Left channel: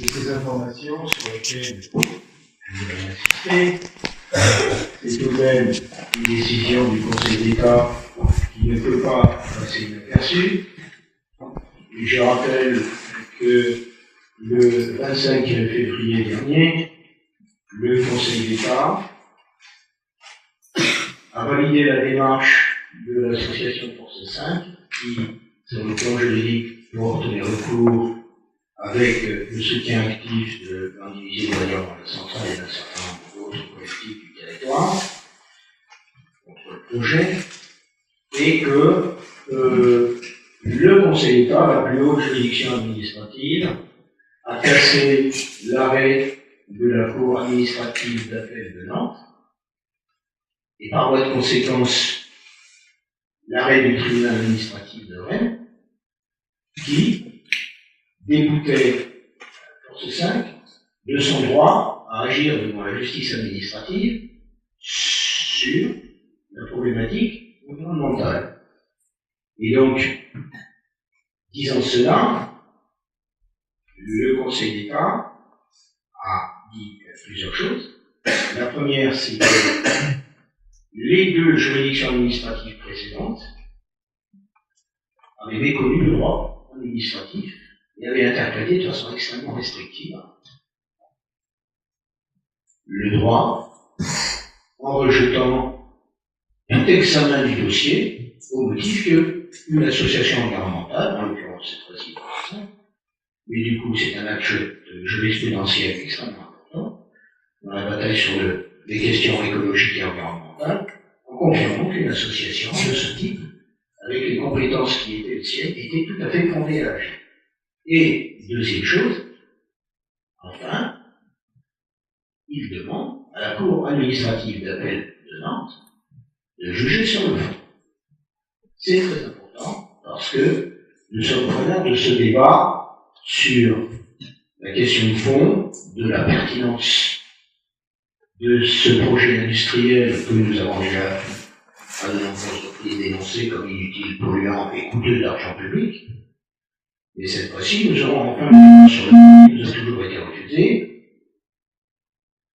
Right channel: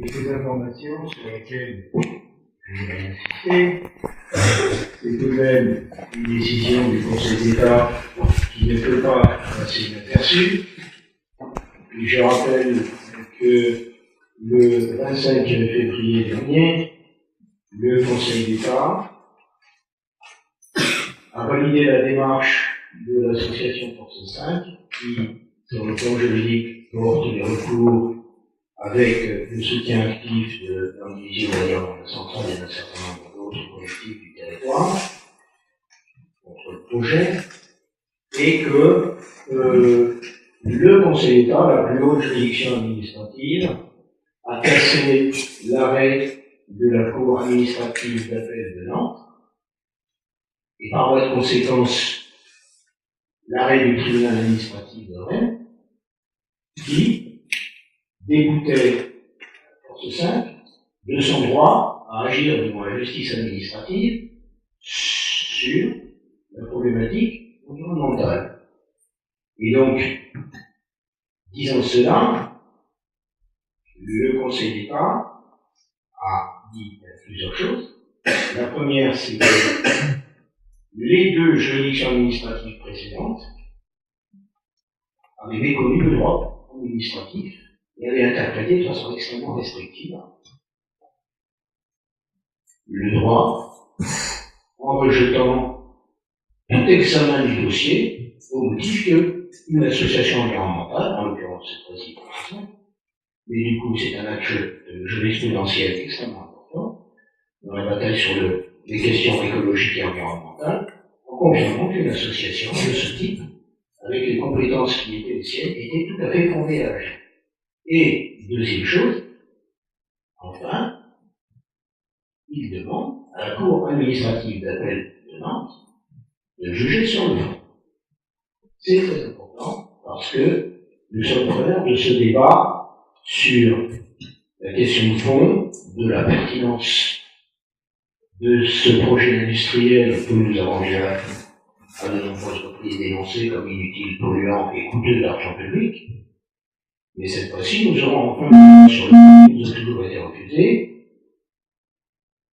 quelques informations sur lesquelles je voudrais insister. C'est tout de même une décision du Conseil d'État qui ne peut pas passer inaperçue. Et je rappelle que le 25 février dernier, le Conseil d'État a validé la démarche de l'association Force 5 qui, sur le plan juridique, porte les recours avec le soutien actif de l'individu d'ailleurs de la centrale et d'un certain nombre d'autres collectifs du territoire contre le projet, et que le Conseil d'État, la plus haute juridiction administrative, a cassé l'arrêt de la Cour administrative d'appel de Nantes, et par voie de conséquence, l'arrêt du tribunal administratif de Rennes, qui déboutait Force 5 de son droit à agir devant la justice administrative sur la problématique environnementale. Et donc, disant cela, le Conseil d'État a dit plusieurs choses. La première, c'est que les deux juridictions administratives précédentes avaient méconnu le droit administratif et avaient interprété de façon extrêmement restrictive le droit en rejetant tout examen du dossier au motif qu'une association environnementale, en l'occurrence cette fois-ci, mais du coup c'est un acte de jurisprudentiel extrêmement important dans la bataille sur les questions écologiques et environnementales, en confirmant qu'une association de ce type, avec les compétences qui étaient les siennes, était tout à fait fondée à agir. Et deuxième chose, enfin, il demande à la Cour administrative d'appel de Nantes de juger sur le fond. C'est très important parce que nous sommes preneurs de ce débat sur la question de fond de la pertinence de ce projet industriel que nous avons déjà à de nombreuses reprises dénoncé comme inutile, polluant et coûteux d'argent public. Et cette fois-ci, nous aurons enfin un débat sur le fond qui nous a toujours été refusé.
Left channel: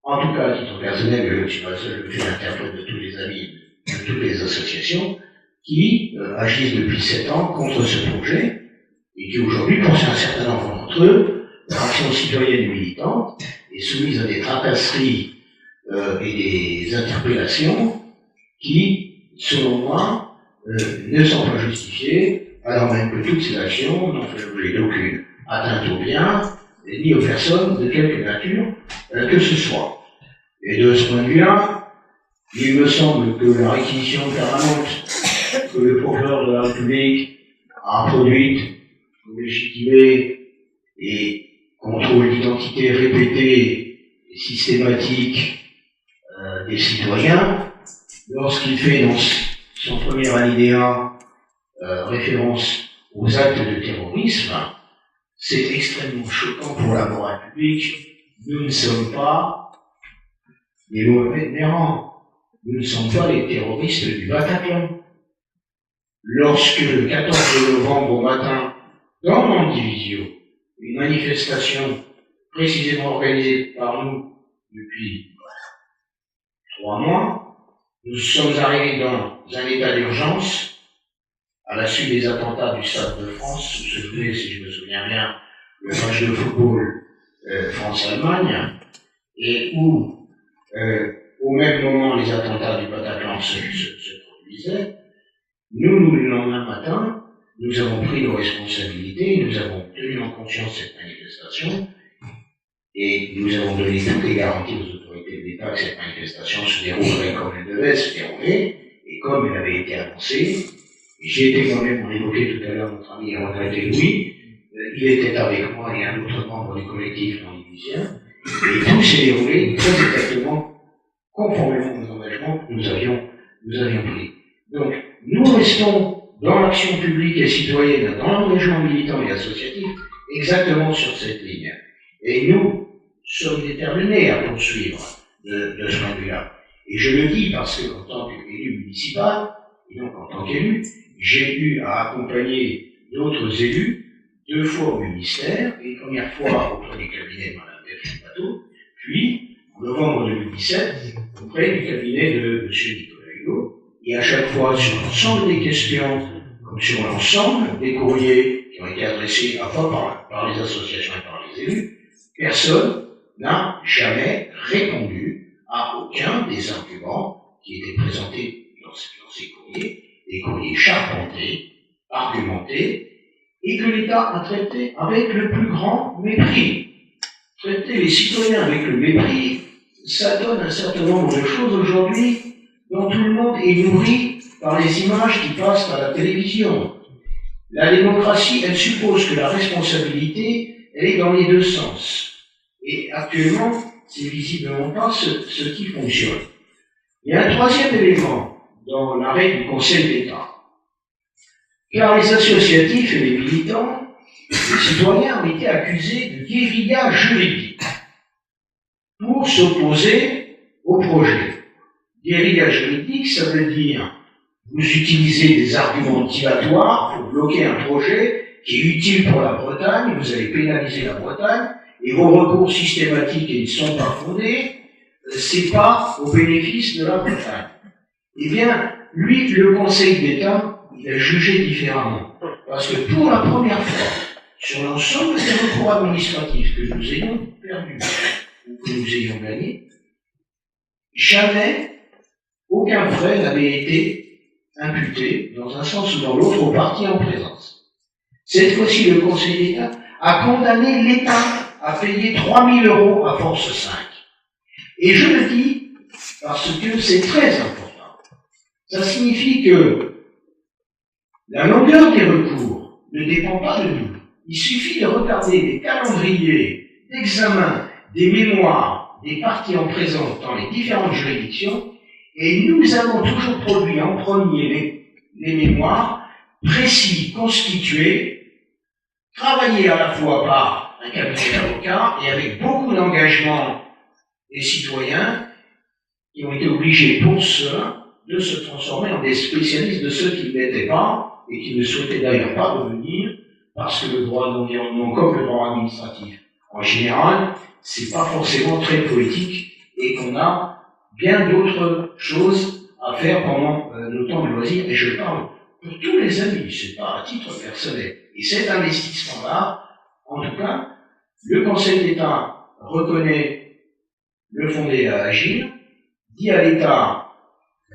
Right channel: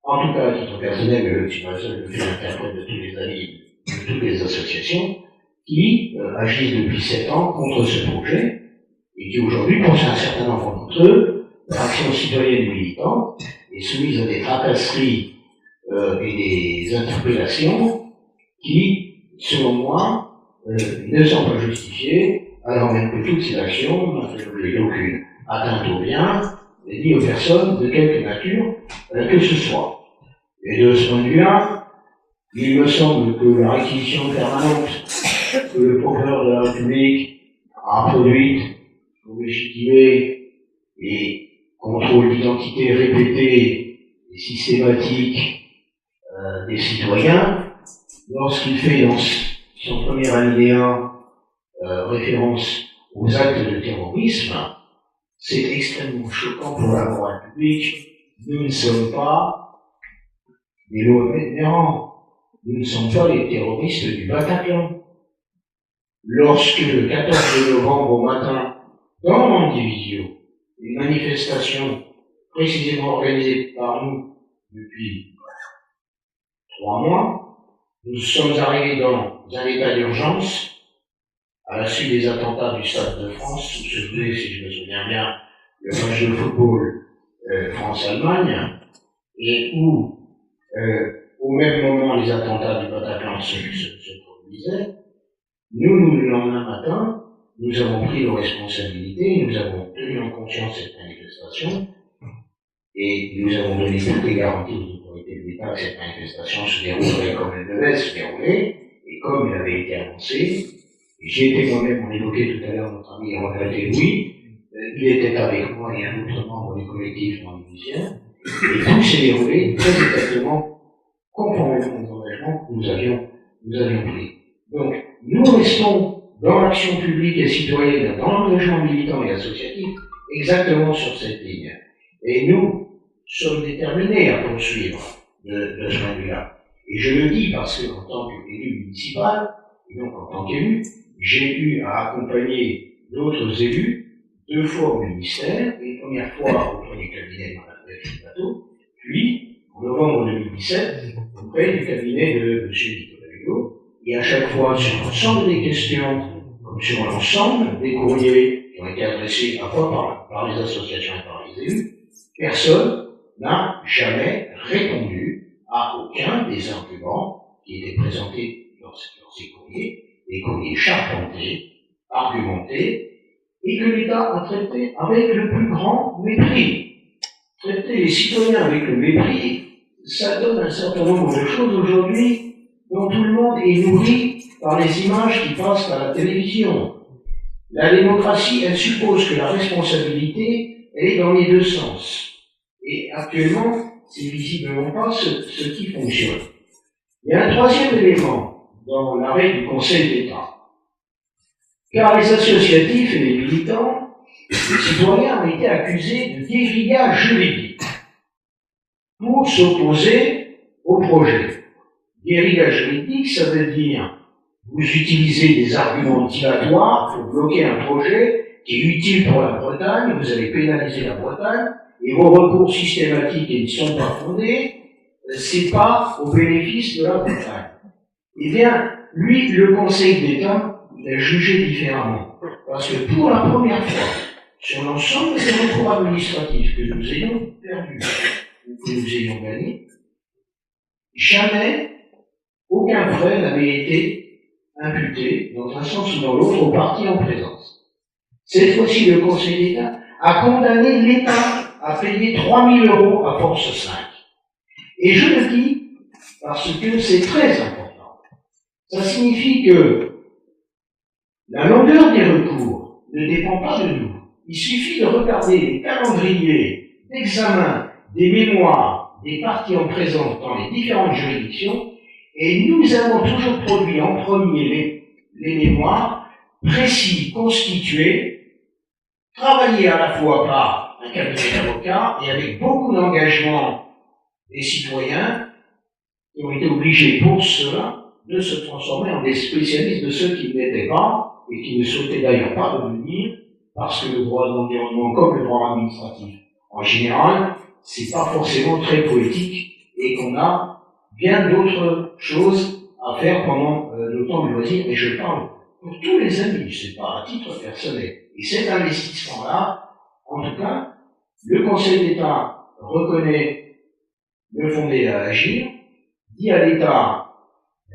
En tout cas, à titre personnel, je ne suis pas seul, je suis l'interprète de tous les amis, de toutes les associations qui agissent depuis 7 ans contre ce projet et qui aujourd'hui, pour un certain nombre d'entre eux, l'action citoyenne militante est soumise à des tracasseries et des interpellations qui, selon moi, ne sont pas justifiées, alors même que toutes ces actions n'ont fait l'objet d'aucune atteinte aux biens ni aux personnes de quelque nature que ce soit. Et de ce point de vue-là, il me semble que la réquisition permanente que le procureur de la République a produite pour légitimer et contrôle d'identité répété et systématique des citoyens, lorsqu'il fait dans son premier alinéa référence aux actes de terrorisme, c'est extrêmement choquant pour la morale publique. Nous ne sommes pas des Mohamed Merah, nous ne sommes pas les terroristes du Bataclan. Lorsque le 14 novembre au matin, dans Montdivisio, une manifestation précisément organisée par nous depuis 3 mois, nous sommes arrivés dans un état d'urgence à la suite des attentats du Stade de France, où se jouait, si je me souviens bien, le match de football France-Allemagne, et où, au même moment, les attentats du Bataclan se produisaient. Nous, le lendemain matin, nous avons pris nos responsabilités, nous avons tenu en conscience cette manifestation, et nous avons donné toutes les garanties aux autorités de l'État que cette manifestation se déroulerait comme elle devait se dérouler, et comme elle avait été annoncée. J'ai été moi-même, on évoquait tout à l'heure notre ami regretté Louis, il était avec moi et un autre membre du collectif non-divisien, et tout s'est déroulé très exactement conformément aux engagements que nous avions pris. Donc, nous restons dans l'action publique et citoyenne, dans l'engagement militant et associatif, exactement sur cette ligne. Et nous sommes déterminés à poursuivre de ce point de vue-là. Et je le dis parce que, en tant qu'élu municipal, et donc en tant qu'élu, j'ai eu à accompagner d'autres élus 2 fois au ministère, et première fois auprès du cabinet de Mme Delphine Bateau, puis en novembre 2017 auprès du cabinet de M. Nicolas Hulot, et à chaque fois sur l'ensemble des questions, comme sur l'ensemble des courriers qui ont été adressés à la fois par les associations et par les élus, personne n'a jamais répondu à aucun des arguments qui étaient présentés dans ces courriers, des courriers charpentés, argumentés, et que l'État a traité avec le plus grand mépris. Traiter les citoyens avec le mépris, ça donne un certain nombre de choses aujourd'hui dont tout le monde est nourri par les images qui passent à la télévision. La démocratie, elle suppose que la responsabilité, elle est dans les deux sens. Et actuellement, c'est visiblement pas ce qui fonctionne. Il y a un troisième élément dans l'arrêt du Conseil d'État. Car les associatifs et les militants, les citoyens ont été accusés de guérilla juridique pour s'opposer au projet. Guérilla juridique, ça veut dire vous utilisez des arguments dilatoires pour bloquer un projet qui est utile pour la Bretagne, vous allez pénaliser la Bretagne, et vos recours systématiques et ne sont pas fondés, c'est pas au bénéfice de la Bretagne. Eh bien, lui, le Conseil d'État, il a jugé différemment. Parce que pour la première fois, sur l'ensemble des recours administratifs que nous ayons perdus ou que nous ayons gagnés, jamais aucun frais n'avait été imputé, dans un sens ou dans l'autre, aux parties en présence. Cette fois-ci, le Conseil d'État a condamné l'État à payer 3 000 € à force 5. Et je le dis parce que c'est très important. Ça signifie que la longueur des recours ne dépend pas de nous. Il suffit de regarder les calendriers d'examen des mémoires des parties en présence dans les différentes juridictions, et nous avons toujours produit en premier les mémoires précis, constitués, travaillés à la fois par un cabinet d'avocats et avec beaucoup d'engagement des citoyens qui ont été obligés pour cela de se transformer en des spécialistes de ceux qui ne l'étaient pas et qui ne souhaitaient d'ailleurs pas devenir, parce que le droit de l'environnement, comme le droit administratif en général, c'est pas forcément très poétique et qu'on a bien d'autres choses à faire pendant le temps de loisir, et je parle pour tous les amis, c'est pas à titre personnel. Et cet investissement-là, en tout cas, le Conseil d'État reconnaît le fondé à agir, dit à l'État,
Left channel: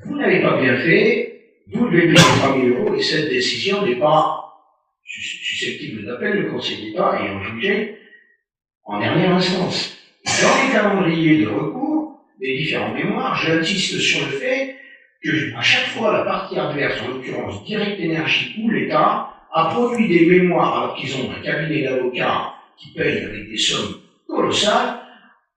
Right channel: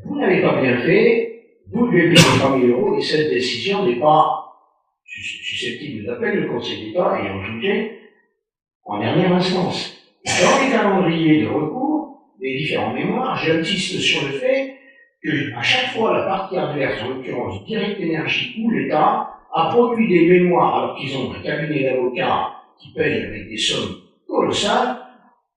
vous n'avez pas bien fait, vous devez payer 3 000 €, et cette décision n'est pas susceptible d'appel, le Conseil d'État ayant jugé en dernière instance. Dans les calendriers de recours des différents mémoires, j'insiste sur le fait que, à chaque fois, la partie adverse, en l'occurrence Direct Énergie ou l'État, a produit des mémoires alors qu'ils ont un cabinet d'avocats qui paye avec des sommes colossales,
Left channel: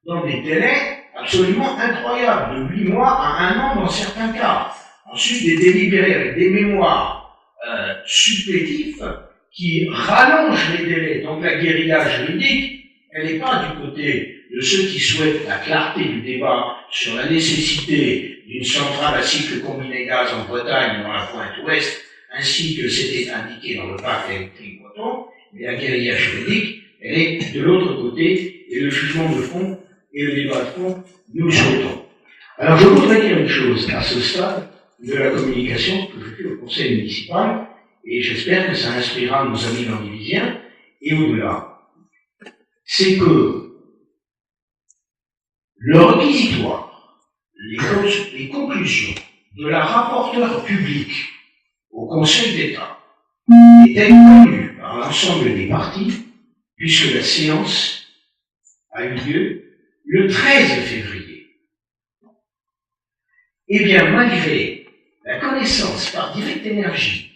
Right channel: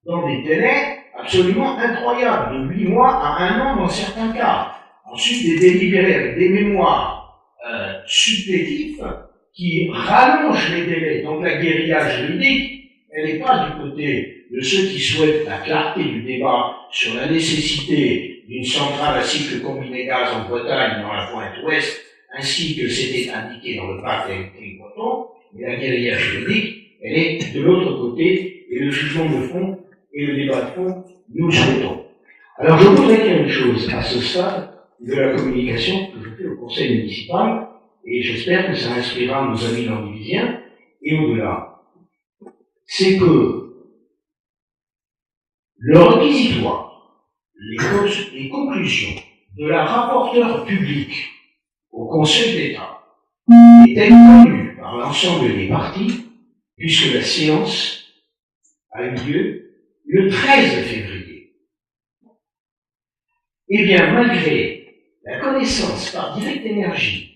dans des délais absolument incroyables, de 8 mois à 1 an dans certains cas. Ensuite, des délibérés avec des mémoires supplétifs qui rallongent les délais. Donc la guérilla juridique, elle n'est pas du côté de ceux qui souhaitent la clarté du débat sur la nécessité d'une centrale à cycle combiné gaz en Bretagne, dans la pointe ouest, ainsi que c'était indiqué dans le pacte électrique breton, mais la guérilla juridique, elle est de l'autre côté, et le jugement de fond et le débat de fond, nous le souhaitons. Alors je voudrais dire une chose à ce stade de la communication que je fais au conseil municipal, et j'espère que ça inspirera nos amis landivisiens, et au-delà. C'est que le réquisitoire, les conclusions de la rapporteure publique au Conseil d'État étaient connues par l'ensemble des partis, puisque la séance a eu lieu le 13 février. Eh bien, malgré la connaissance par Direct Énergie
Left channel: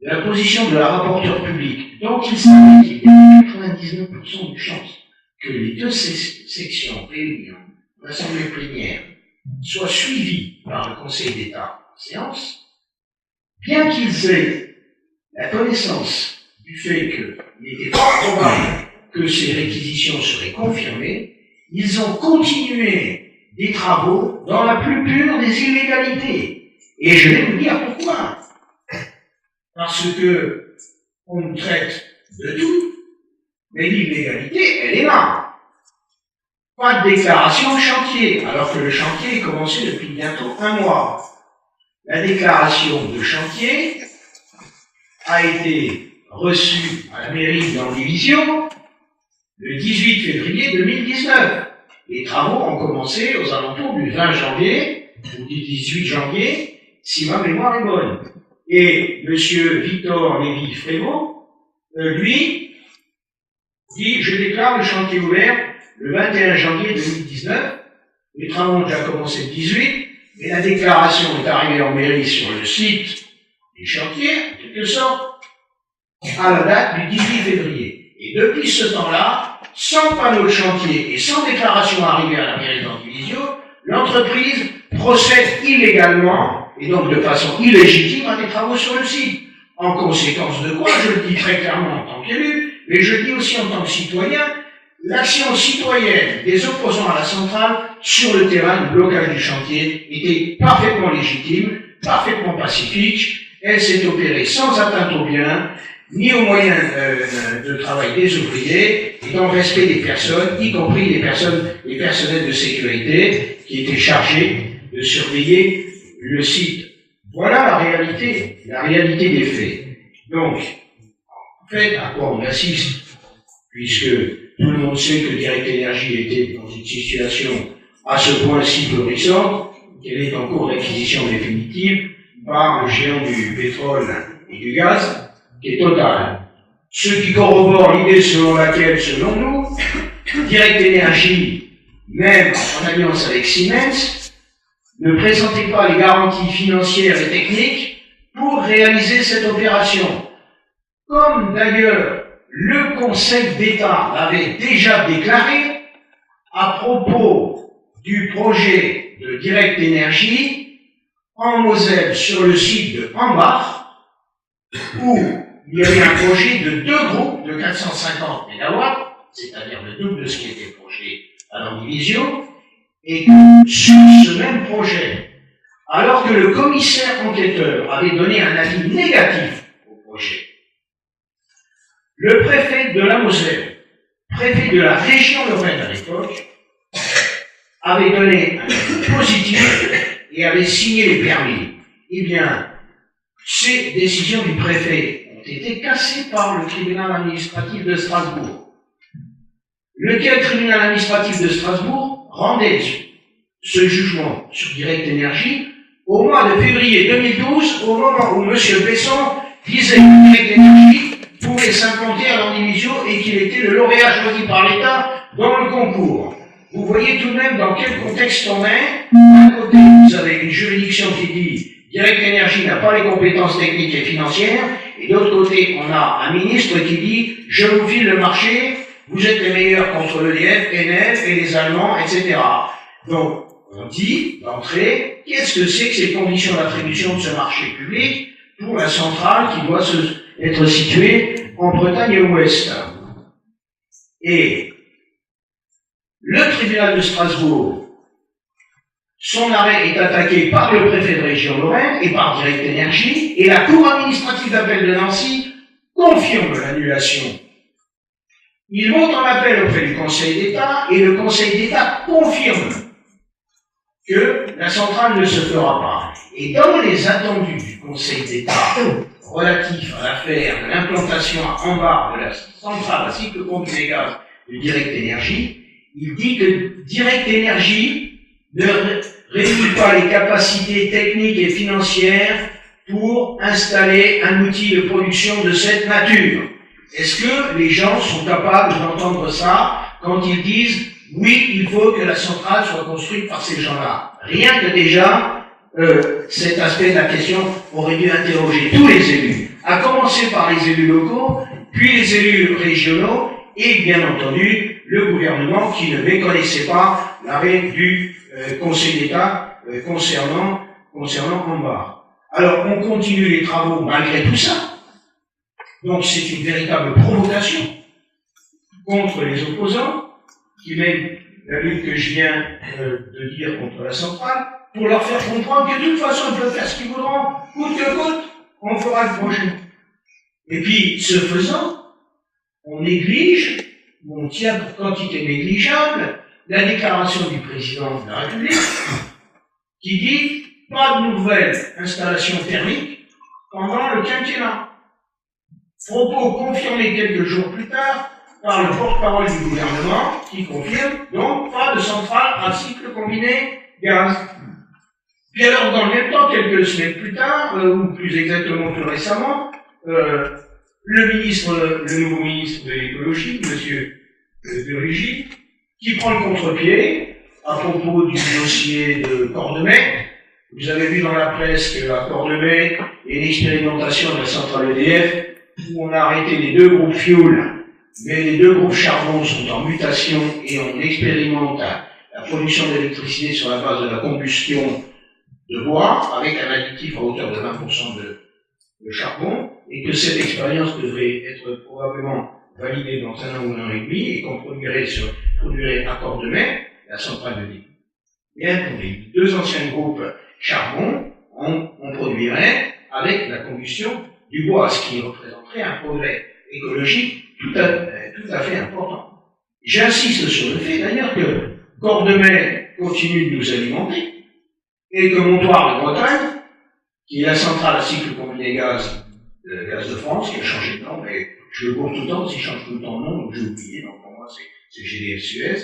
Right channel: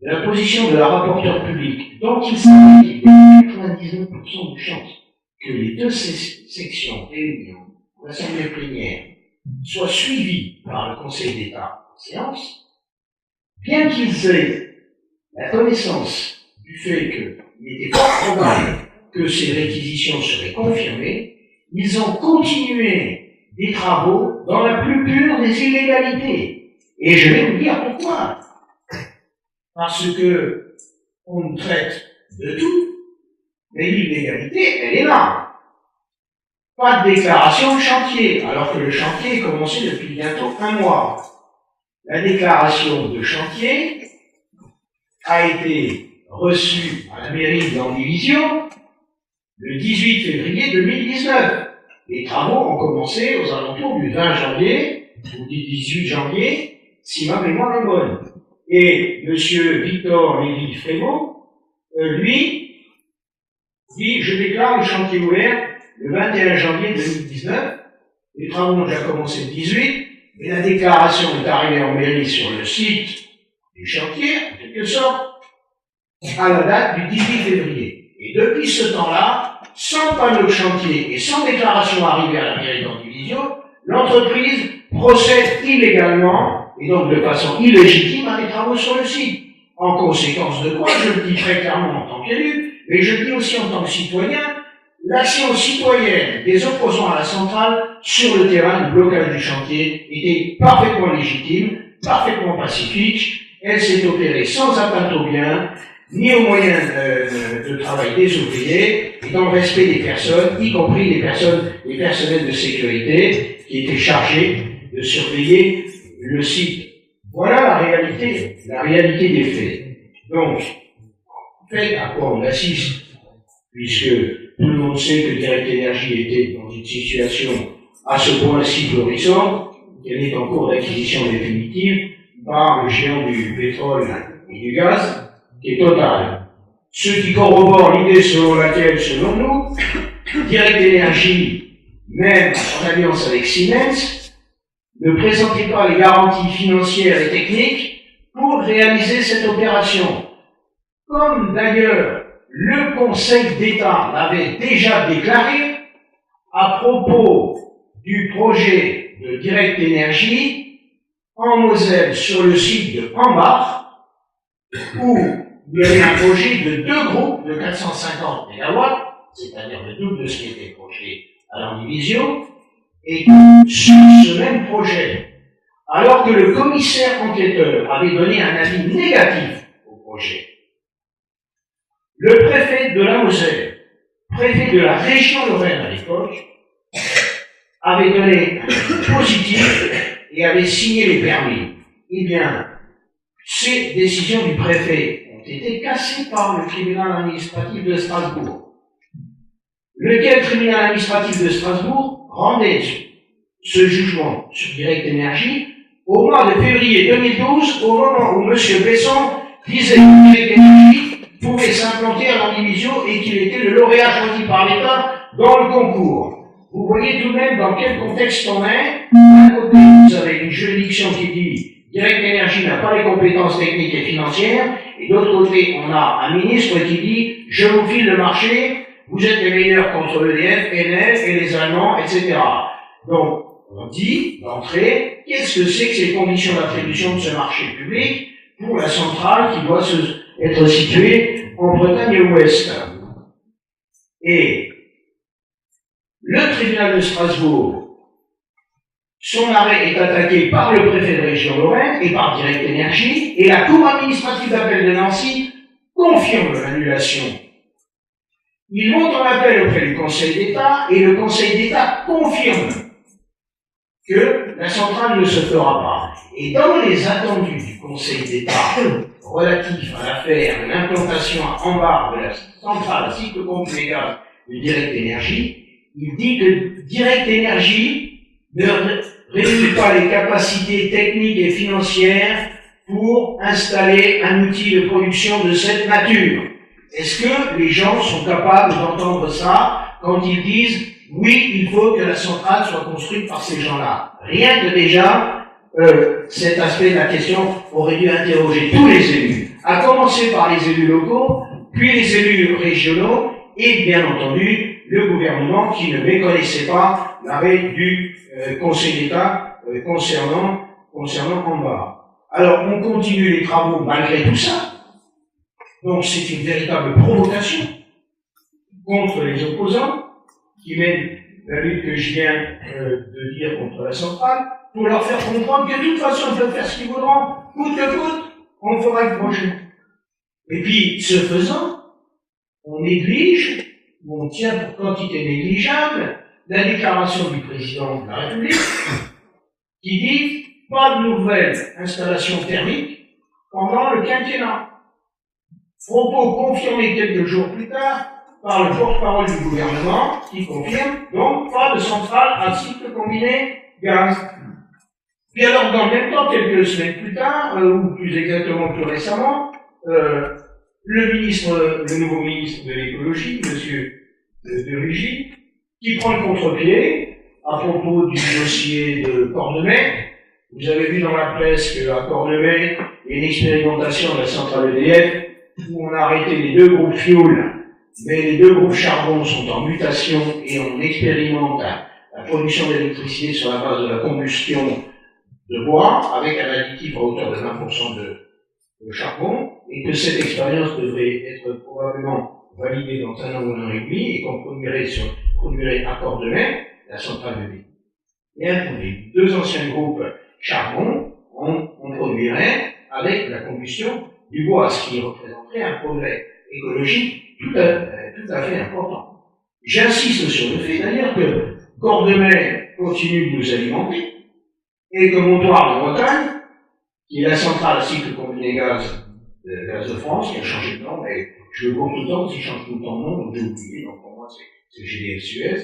de la position de la rapporteure publique, dont il savait qu'il y avait 99% de chances que les deux sections réunies en assemblée plénière soient suivies par le Conseil d'État en séance, bien qu'ils aient la connaissance du fait qu'il était fort probable que ces réquisitions seraient confirmées, ils ont continué des travaux dans la plus pure des illégalités. Et je vais vous dire pourquoi. Parce que on nous traite de tout, Mais l'illégalité, elle est là. Pas de déclaration de chantier, alors que le chantier est commencé depuis bientôt 1 mois. La déclaration de chantier a été reçue à la mairie d'Andivisio le 18 février 2019. Les travaux ont commencé aux alentours du 20 janvier ou du 18 janvier, si ma mémoire est bonne. Et M. Victor Lévy-Frémaux, lui, dit « Je déclare le chantier ouvert le 21 janvier 2019. Les travaux ont déjà commencé le 18, mais la déclaration est arrivée en mairie sur le site du chantier, en quelque sorte, à la date du 18 février. Et depuis ce temps-là, sans panneau de chantier et sans déclaration arrivée à la mairie d'Andivisio, l'entreprise procède illégalement et donc de façon illégitime à des travaux sur le site. En conséquence de quoi, je le dis très clairement en tant qu'élu, mais je le dis aussi en tant que citoyen, l'action citoyenne des opposants à la centrale sur le terrain du blocage du chantier était parfaitement légitime, parfaitement pacifique. Elle s'est opérée sans atteinte aux biens, ni aux moyens de travail des ouvriers, et dans le respect des personnes, y compris les personnels de sécurité qui étaient chargés de surveiller le site. Voilà la réalité des faits. Donc, en fait, à quoi on assiste, puisque tout le monde sait que Direct Énergie était dans une situation à ce point si florissante qu'elle est en cours d'acquisition définitive par le géant du pétrole et du gaz, qui est Total. Ce qui corrobore l'idée selon laquelle, selon nous, Direct Énergie, même en alliance avec Siemens, ne présentait pas les garanties financières et techniques pour réaliser cette opération. Comme d'ailleurs le Conseil d'État l'avait déjà déclaré à propos du projet de Direct Énergie en Moselle sur le site de Hambach, où il y avait un projet de 2 groupes de 450 MW, c'est-à-dire le double de ce qui était projeté à l'Andivisio, et sur ce même projet, alors que le commissaire enquêteur avait donné un avis négatif au projet, le préfet de la Moselle, préfet de la région Lorraine à l'époque, avait donné un avis positif et avait signé les permis. Eh bien, ces décisions du préfet ont été cassées par le tribunal administratif de Strasbourg. Lequel tribunal administratif de Strasbourg rendait ce jugement sur Direct Énergie au mois de février 2012, au moment où M. Besson disait que Direct Énergie pouvait s'implanter à l'Andivisio et qu'il était le lauréat choisi par l'État dans le concours. Vous voyez tout de même dans quel contexte on est. D'un côté, vous avez une juridiction qui dit Direct Énergie n'a pas les compétences techniques et financières, et d'autre côté, on a un ministre qui dit je vous file le marché, vous êtes les meilleurs contre EDF, Enel et les Allemands, etc. Donc, on dit d'entrée, qu'est-ce que c'est que ces conditions d'attribution de ce marché public pour la centrale qui doit être située en Bretagne-Ouest. Et le tribunal de Strasbourg, son arrêt est attaqué par le préfet de région Lorraine et par Direct Énergie, et la Cour administrative d'appel de Nancy confirme l'annulation. Ils vont en appel auprès du Conseil d'État, et le Conseil d'État confirme que la centrale ne se fera pas. Et dans les attendus du Conseil d'État relatifs à l'affaire de l'implantation à Hambach de la centrale à cycle complet gaz de Direct Énergie, il dit que Direct Énergie ne réunit pas les capacités techniques et financières pour installer un outil de production de cette nature. Est-ce que les gens sont capables d'entendre ça quand ils disent oui, il faut que la centrale soit construite par ces gens-là? Rien que déjà, cet aspect de la question aurait dû interroger tous les élus, à commencer par les élus locaux, puis les élus régionaux, et bien entendu, le gouvernement qui ne méconnaissait pas l'arrêt du Conseil d'État concernant Hambach. Alors, on continue les travaux malgré tout ça. Donc, c'est une véritable provocation contre les opposants qui mènent la lutte que je viens de dire contre la centrale, pour leur faire comprendre que de toute façon, ils peuvent faire ce qu'ils voudront, coûte que coûte, on fera le projet. Et puis, ce faisant, on néglige où on tient pour quantité négligeable la déclaration du président de la République qui dit pas de nouvelles installations thermiques pendant le quinquennat. Propos confirmés quelques jours plus tard par le porte-parole du gouvernement qui confirme donc pas de centrale à cycle combiné gaz. Puis alors, dans le même temps, quelques semaines plus tard, ou plus exactement plus récemment, le nouveau ministre de l'écologie, monsieur de Rugy, qui prend le contre-pied à propos du dossier de Cordemais. Vous avez vu dans la presse qu'à Cordemais, il y a une expérimentation de la centrale EDF où on a arrêté les 2 groupes fioul, mais les 2 groupes charbon sont en mutation et on expérimente la production d'électricité sur la base de la combustion de bois avec un additif à hauteur de 20% de charbon, et que cette expérience devrait être probablement validée dans 1 an ou 1 an et demi, et qu'on produirait à Cordemais, la centrale de débit. Bien, pour les 2 anciens groupes charbon, on produirait avec la combustion du bois, ce qui représenterait un progrès écologique tout à fait important. J'insiste sur le fait d'ailleurs que Cordemais continue de nous alimenter, et que Montoire de Bretagne, qui est la centrale à cycle combiné gaz de France, qui a changé de nom, et je le cours tout le temps, s'il change tout le temps de nom, donc j'ai oublié, donc pour moi c'est GDF Suez,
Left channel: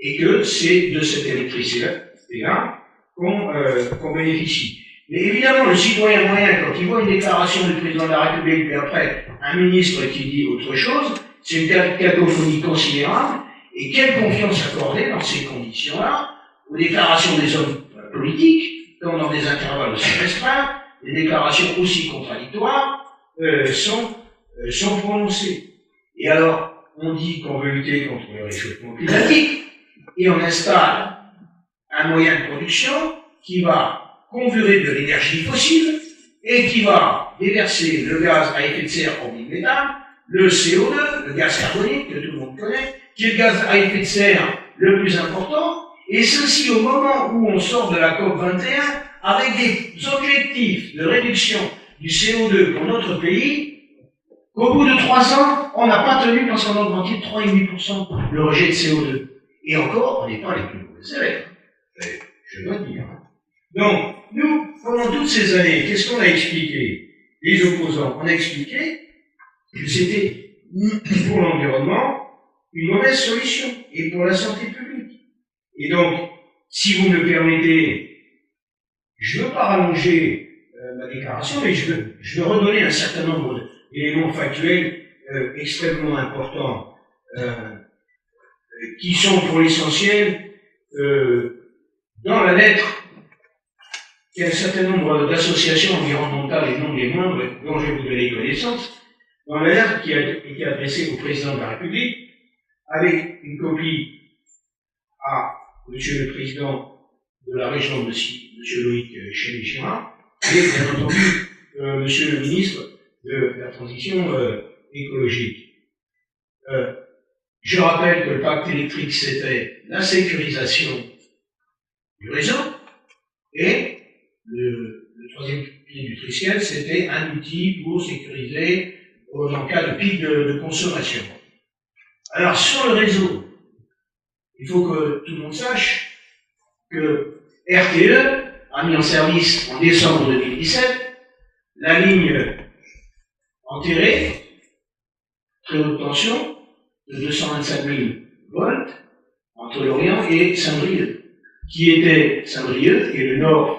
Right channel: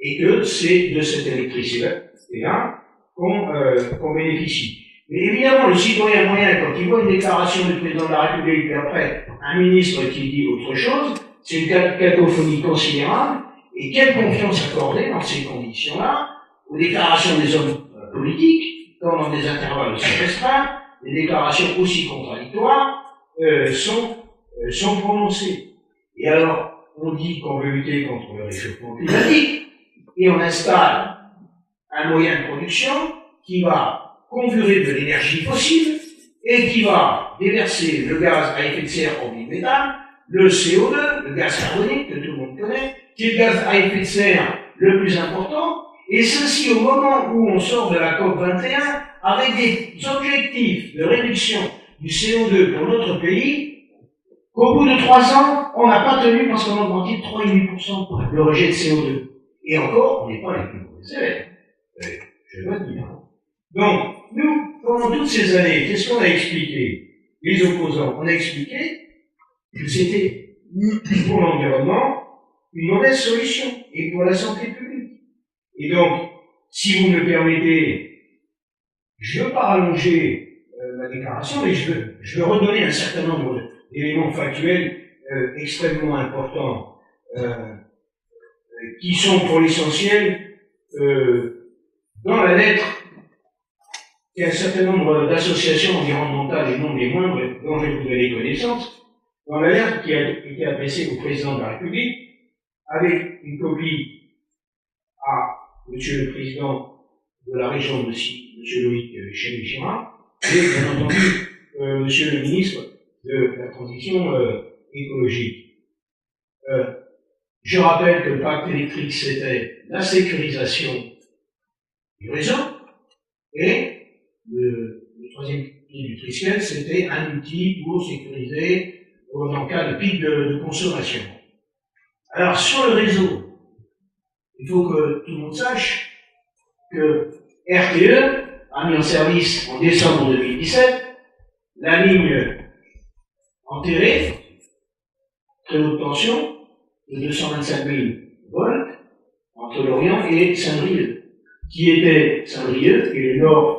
et que c'est de cette électricité-là qu'on bénéficie. Mais évidemment, le citoyen moyen, quand il voit une déclaration du président de la République, puis après un ministre qui dit autre chose, c'est une cacophonie considérable, et quelle confiance accorder dans ces conditions-là aux déclarations des hommes politiques, quand dans des intervalles aussi restreints, les déclarations aussi contradictoires sont prononcées. Et alors, on dit qu'on veut lutter contre le réchauffement climatique, et on installe un moyen de production qui va conjurer de l'énergie fossile, et qui va déverser le gaz à effet de serre au méthane, le CO2, le gaz carbonique, que tout le monde connaît, qui est le gaz à effet de serre le plus important, et ceci au moment où on sort de la COP 21 avec des objectifs de réduction du CO2 pour notre pays, qu'au bout de 3 ans, on n'a pas tenu parce qu'on a augmenté de 3,5% le rejet de CO2. Et encore, on n'est pas les plus mauvais élèves. Je dois dire. Donc, nous, pendant toutes ces années, qu'est-ce qu'on a expliqué? Les opposants, on a expliqué que c'était pour l'environnement une mauvaise solution et pour la santé publique. Et donc, si vous me le permettez, je ne veux pas rallonger ma déclaration, mais je veux redonner un certain nombre d'éléments factuels extrêmement importants qui sont pour l'essentiel dans la lettre qu'il y a un certain nombre d'associations environnementales et non des moindres dont je vais vous donner connaissance, dans la lettre qui a été adressée au président de la République, avec une copie à Monsieur le Président de la région, Monsieur Loïc Chénichima, et bien entendu Monsieur le Ministre de la Transition écologique. Je rappelle que le pacte électrique, c'était la sécurisation du réseau, et le troisième pilier du Triskel, c'était un outil pour sécuriser en cas de pic de consommation. Alors, sur le réseau, il faut que tout le monde sache que RTE a mis en service en décembre 2017 la ligne enterrée, très haute tension, de 225 000 volts, entre Lorient et Saint-Brieuc, qui était Saint-Brieuc et le nord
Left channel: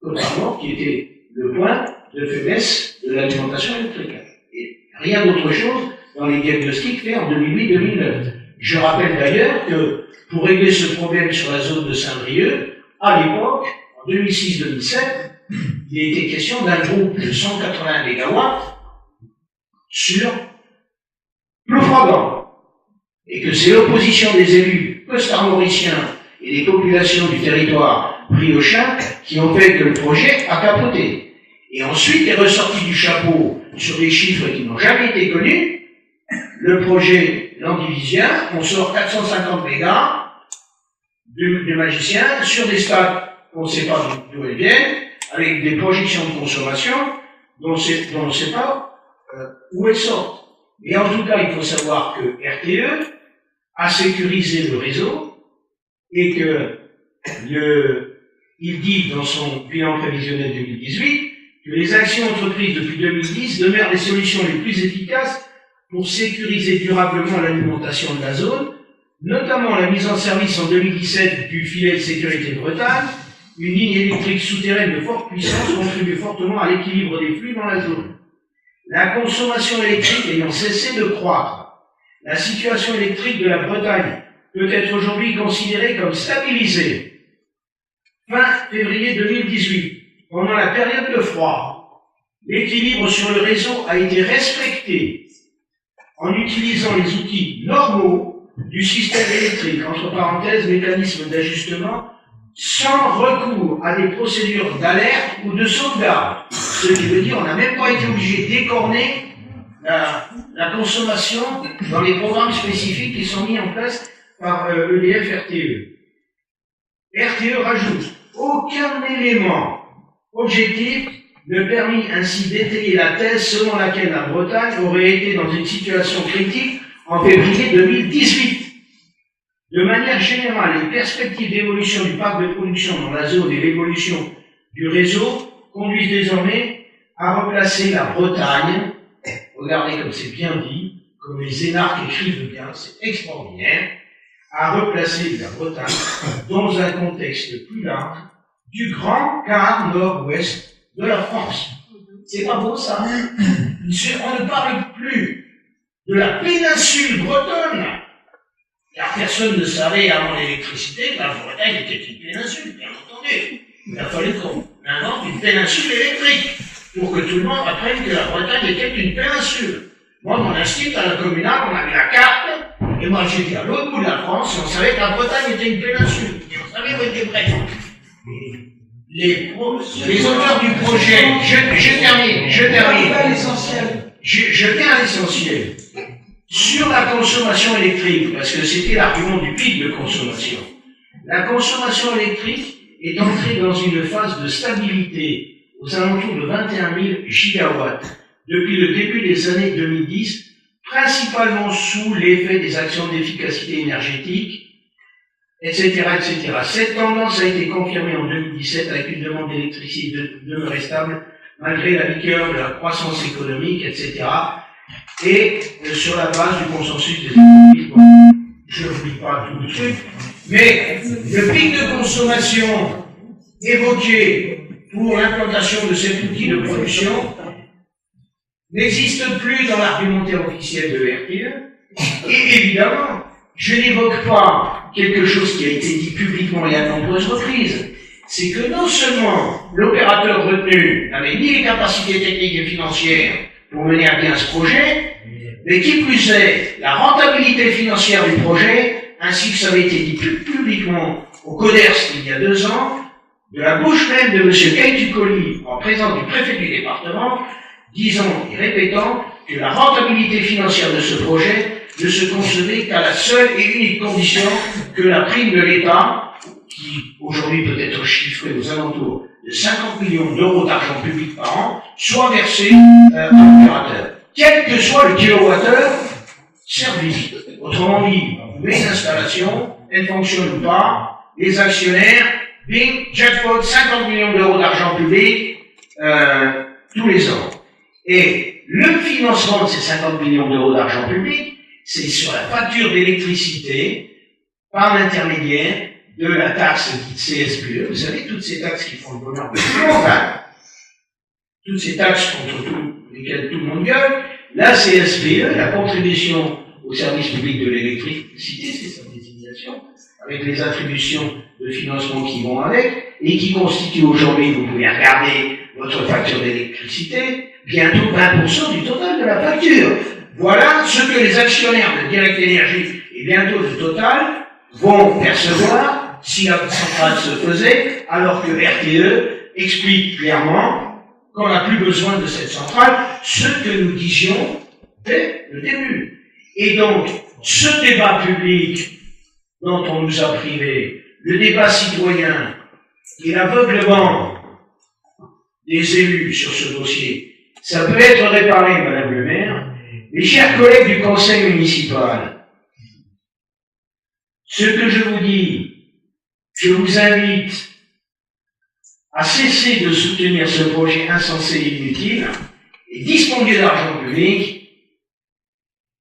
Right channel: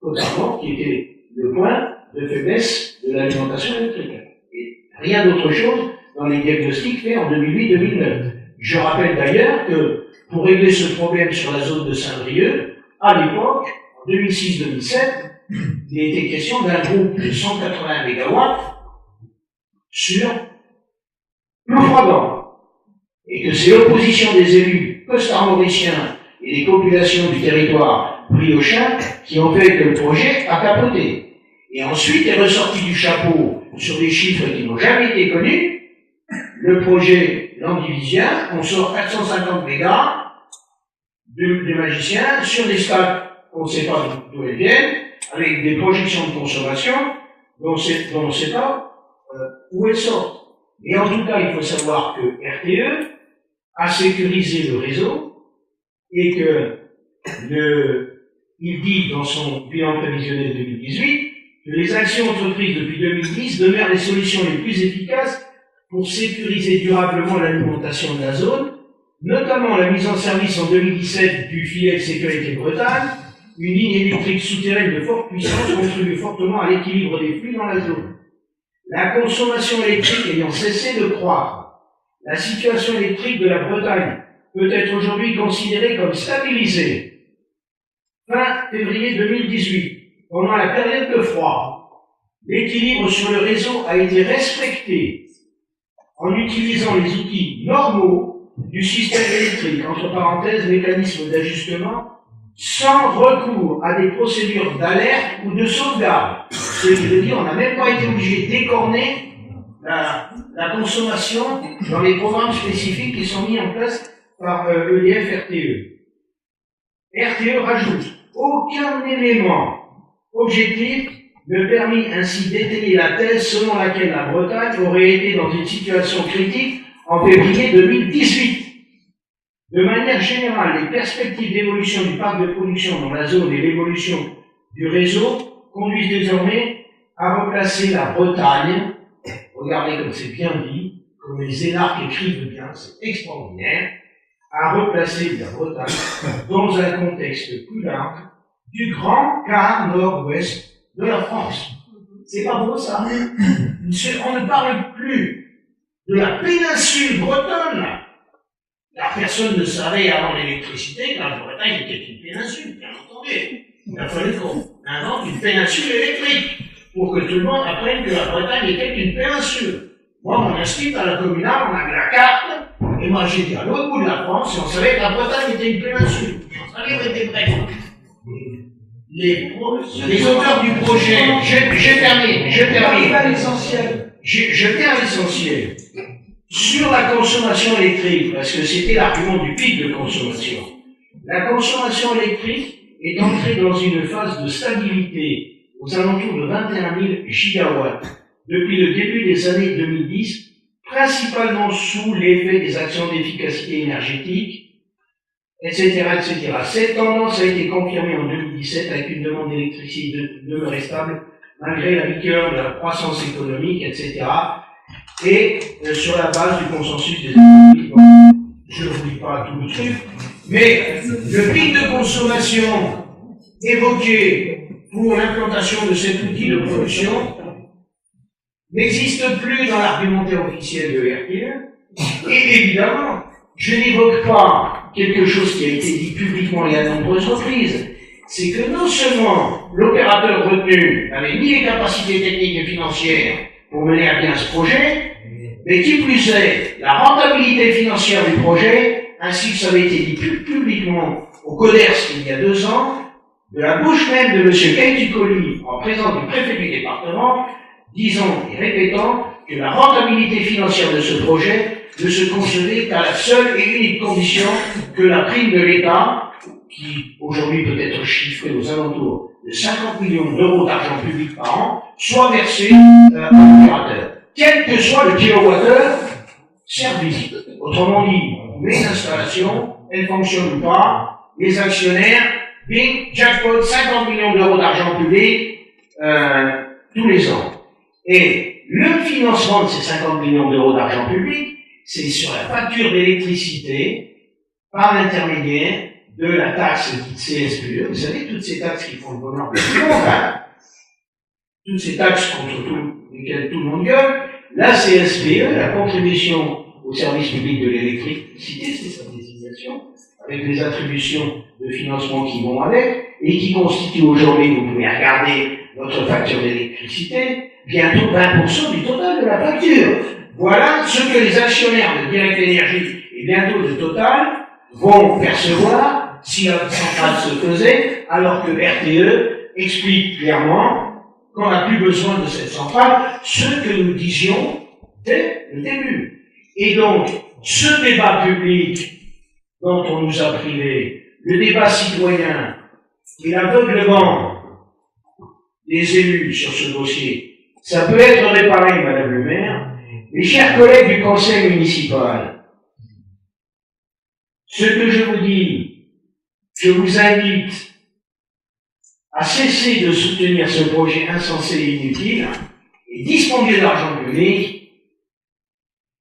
totalement, qui était le point de faiblesse de l'alimentation électrique. Et rien d'autre chose dans les diagnostics faits en 2008-2009. Je rappelle d'ailleurs que pour régler ce problème sur la zone de Saint-Brieuc, à l'époque, en 2006-2007, il était question d'un groupe de 180 MW sur Ploufragan. Et que c'est l'opposition des élus costarmoriciens et des populations du territoire briochin qui ont fait que le projet a capoté. Et ensuite est ressorti du chapeau sur des chiffres qui n'ont jamais été connus. Le projet landivisien, on sort 450 mégas de magiciens sur des stades qu'on ne sait pas d'où elles viennent, avec des projections de consommation dont on ne sait pas où elles sortent. Et en tout cas, il faut savoir que RTE a sécurisé le réseau et que il dit dans son bilan prévisionnel 2018 que les actions entreprises depuis 2010 demeurent les solutions les plus efficaces pour sécuriser durablement l'alimentation de la zone, notamment la mise en service en 2017 du filet de sécurité de Bretagne. Une ligne électrique souterraine de forte puissance contribue fortement à l'équilibre des flux dans la zone. La consommation électrique ayant cessé de croître, la situation électrique de la Bretagne peut être aujourd'hui considérée comme stabilisée. Fin février 2018, pendant la période de froid, l'équilibre sur le réseau a été respecté en utilisant les outils normaux du système électrique, entre parenthèses, mécanisme d'ajustement, sans recours à des procédures d'alerte ou de sauvegarde. Ce qui veut dire qu'on n'a même pas été obligé d'écorner la consommation dans les programmes spécifiques qui sont mis en place par EDF RTE. RTE rajoute aucun élément objectif ne permit ainsi d'étayer la thèse selon laquelle la Bretagne aurait été dans une situation critique en février 2018. De manière générale, les perspectives d'évolution du parc de production dans la zone et l'évolution du réseau conduisent désormais à replacer la Bretagne, regardez comme c'est bien dit, comme les énarques écrivent bien, c'est extraordinaire, à replacer la Bretagne dans un contexte plus large du grand quart nord-ouest de la France. C'est pas beau ça? On ne parle plus de la péninsule bretonne, car personne ne savait avant l'électricité que la Bretagne était une péninsule, bien entendu. Il a fallu qu'on invente une péninsule électrique pour que tout le monde apprenne que la Bretagne était une péninsule. Moi, mon institut à la communale, on avait la carte, et moi j'étais à l'autre bout de la France, et on savait que la Bretagne était une péninsule, et on savait où était Brest. Les auteurs du projet, je termine. Je viens à l'essentiel. Sur la consommation électrique, parce que c'était l'argument du pic de consommation, la consommation électrique est entrée dans une phase de stabilité aux alentours de 21 000 gigawatts depuis le début des années 2010, principalement sous l'effet des actions d'efficacité énergétique, etc., etc. Cette tendance a été confirmée en 2017 avec une demande d'électricité demeurée stable malgré la vigueur de la croissance économique, etc. Et sur la base du consensus des économistes, bon, je ne vous lis pas tout le truc, mais le pic de consommation évoqué pour l'implantation de cet outil de production n'existe plus dans l'argumentaire officiel de RTE. Et évidemment, je n'évoque pas quelque chose qui a été dit publiquement et à de nombreuses reprises, c'est que non seulement l'opérateur retenu n'avait ni les capacités techniques et financières pour mener à bien ce projet, mais qui plus est, la rentabilité financière du projet, ainsi que ça avait été dit publiquement au CODERS il y a 2 ans, de la bouche même de M. Kaitucoli, en présence du préfet du département, disant et répétant que la rentabilité financière de ce projet ne se concevait qu'à la seule et unique condition que la prime de l'État, qui aujourd'hui peut être chiffrée aux alentours de 50 millions d'euros d'argent public par an, soit versée à l'opérateur, quel que soit le kilowattheure servi. Autrement dit, on met une installation, elle fonctionne ou pas, les actionnaires, bing, jackpot, 50 millions d'euros d'argent public tous les ans. Et le financement de ces 50 millions d'euros d'argent public, c'est sur la facture d'électricité par l'intermédiaire de la taxe dite CSPE. Vous savez, toutes ces taxes qui font le bonheur de tout le monde, hein, toutes ces taxes contre lesquelles tout le monde gueule, la CSPE, la contribution au service public de l'électricité, c'est sa désignation, avec les attributions de financement qui vont avec, et qui constitue aujourd'hui, vous pouvez regarder votre facture d'électricité, bientôt 20% du total de la facture. Voilà ce que les actionnaires de Direct Énergie et bientôt de Total vont percevoir si la centrale se faisait, alors que RTE explique clairement qu'on n'a plus besoin de cette centrale, ce que nous disions dès le début. Et donc, ce débat public dont on nous a privé, le débat citoyen et l'aveuglement des élus sur ce dossier, ça peut être réparé, Madame le maire, Mes chers collègues du conseil municipal, ce que je vous dis, je vous invite à cesser de soutenir ce projet insensé et inutile, et dispendieux d'argent public,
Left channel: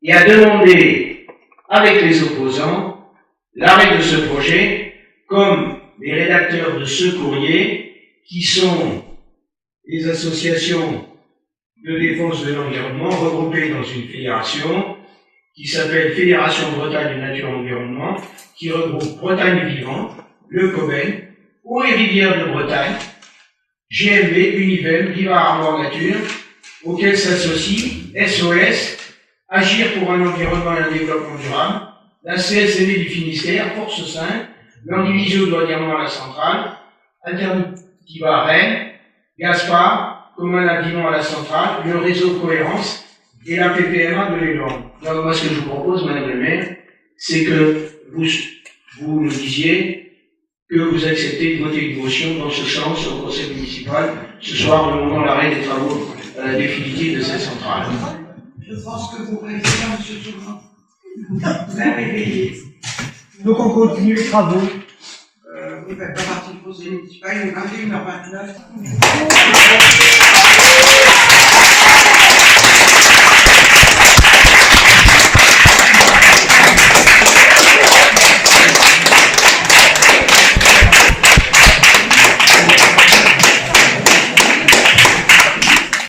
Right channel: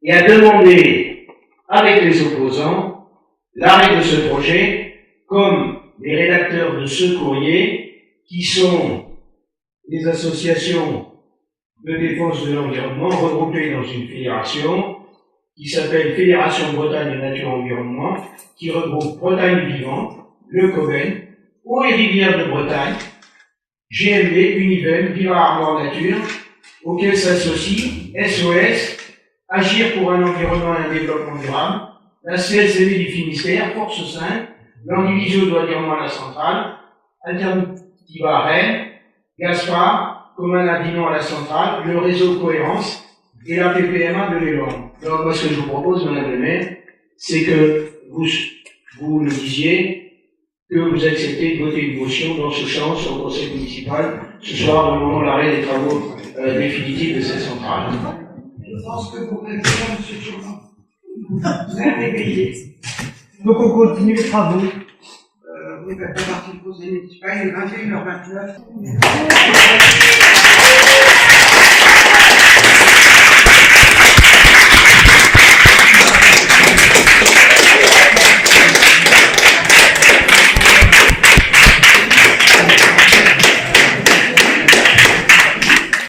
et à demander, avec les opposants, l'arrêt de ce projet, comme les rédacteurs de ce courrier, qui sont les associations de défense de l'environnement regroupées dans une fédération qui s'appelle Fédération Bretagne Nature Environnement, qui regroupe Bretagne Vivante, le Coben, Eaux et Rivières de Bretagne, GMB, Univem, Viva Armor Nature, auxquels s'associent SOS, Agir pour un environnement et un développement durable, la CSCV du Finistère, Force 5, l'Andivisio douanièrement à la centrale, Alternativa à Rennes, Gaspard, Commun Indinant à la centrale, le réseau Cohérence et la PPMA de l'Élan. Donc moi ce que je vous propose, Madame le maire, c'est que vous nous disiez que vous acceptez de voter une motion dans ce sens au conseil municipal ce soir, demandant l'arrêt des travaux définitifs de cette centrale. Je pense que vous rêvez, M. Tournon. Vous êtes réveillé. Donc on continue les travaux. Vous ne faites pas partie du conseil municipal, il est 21h29.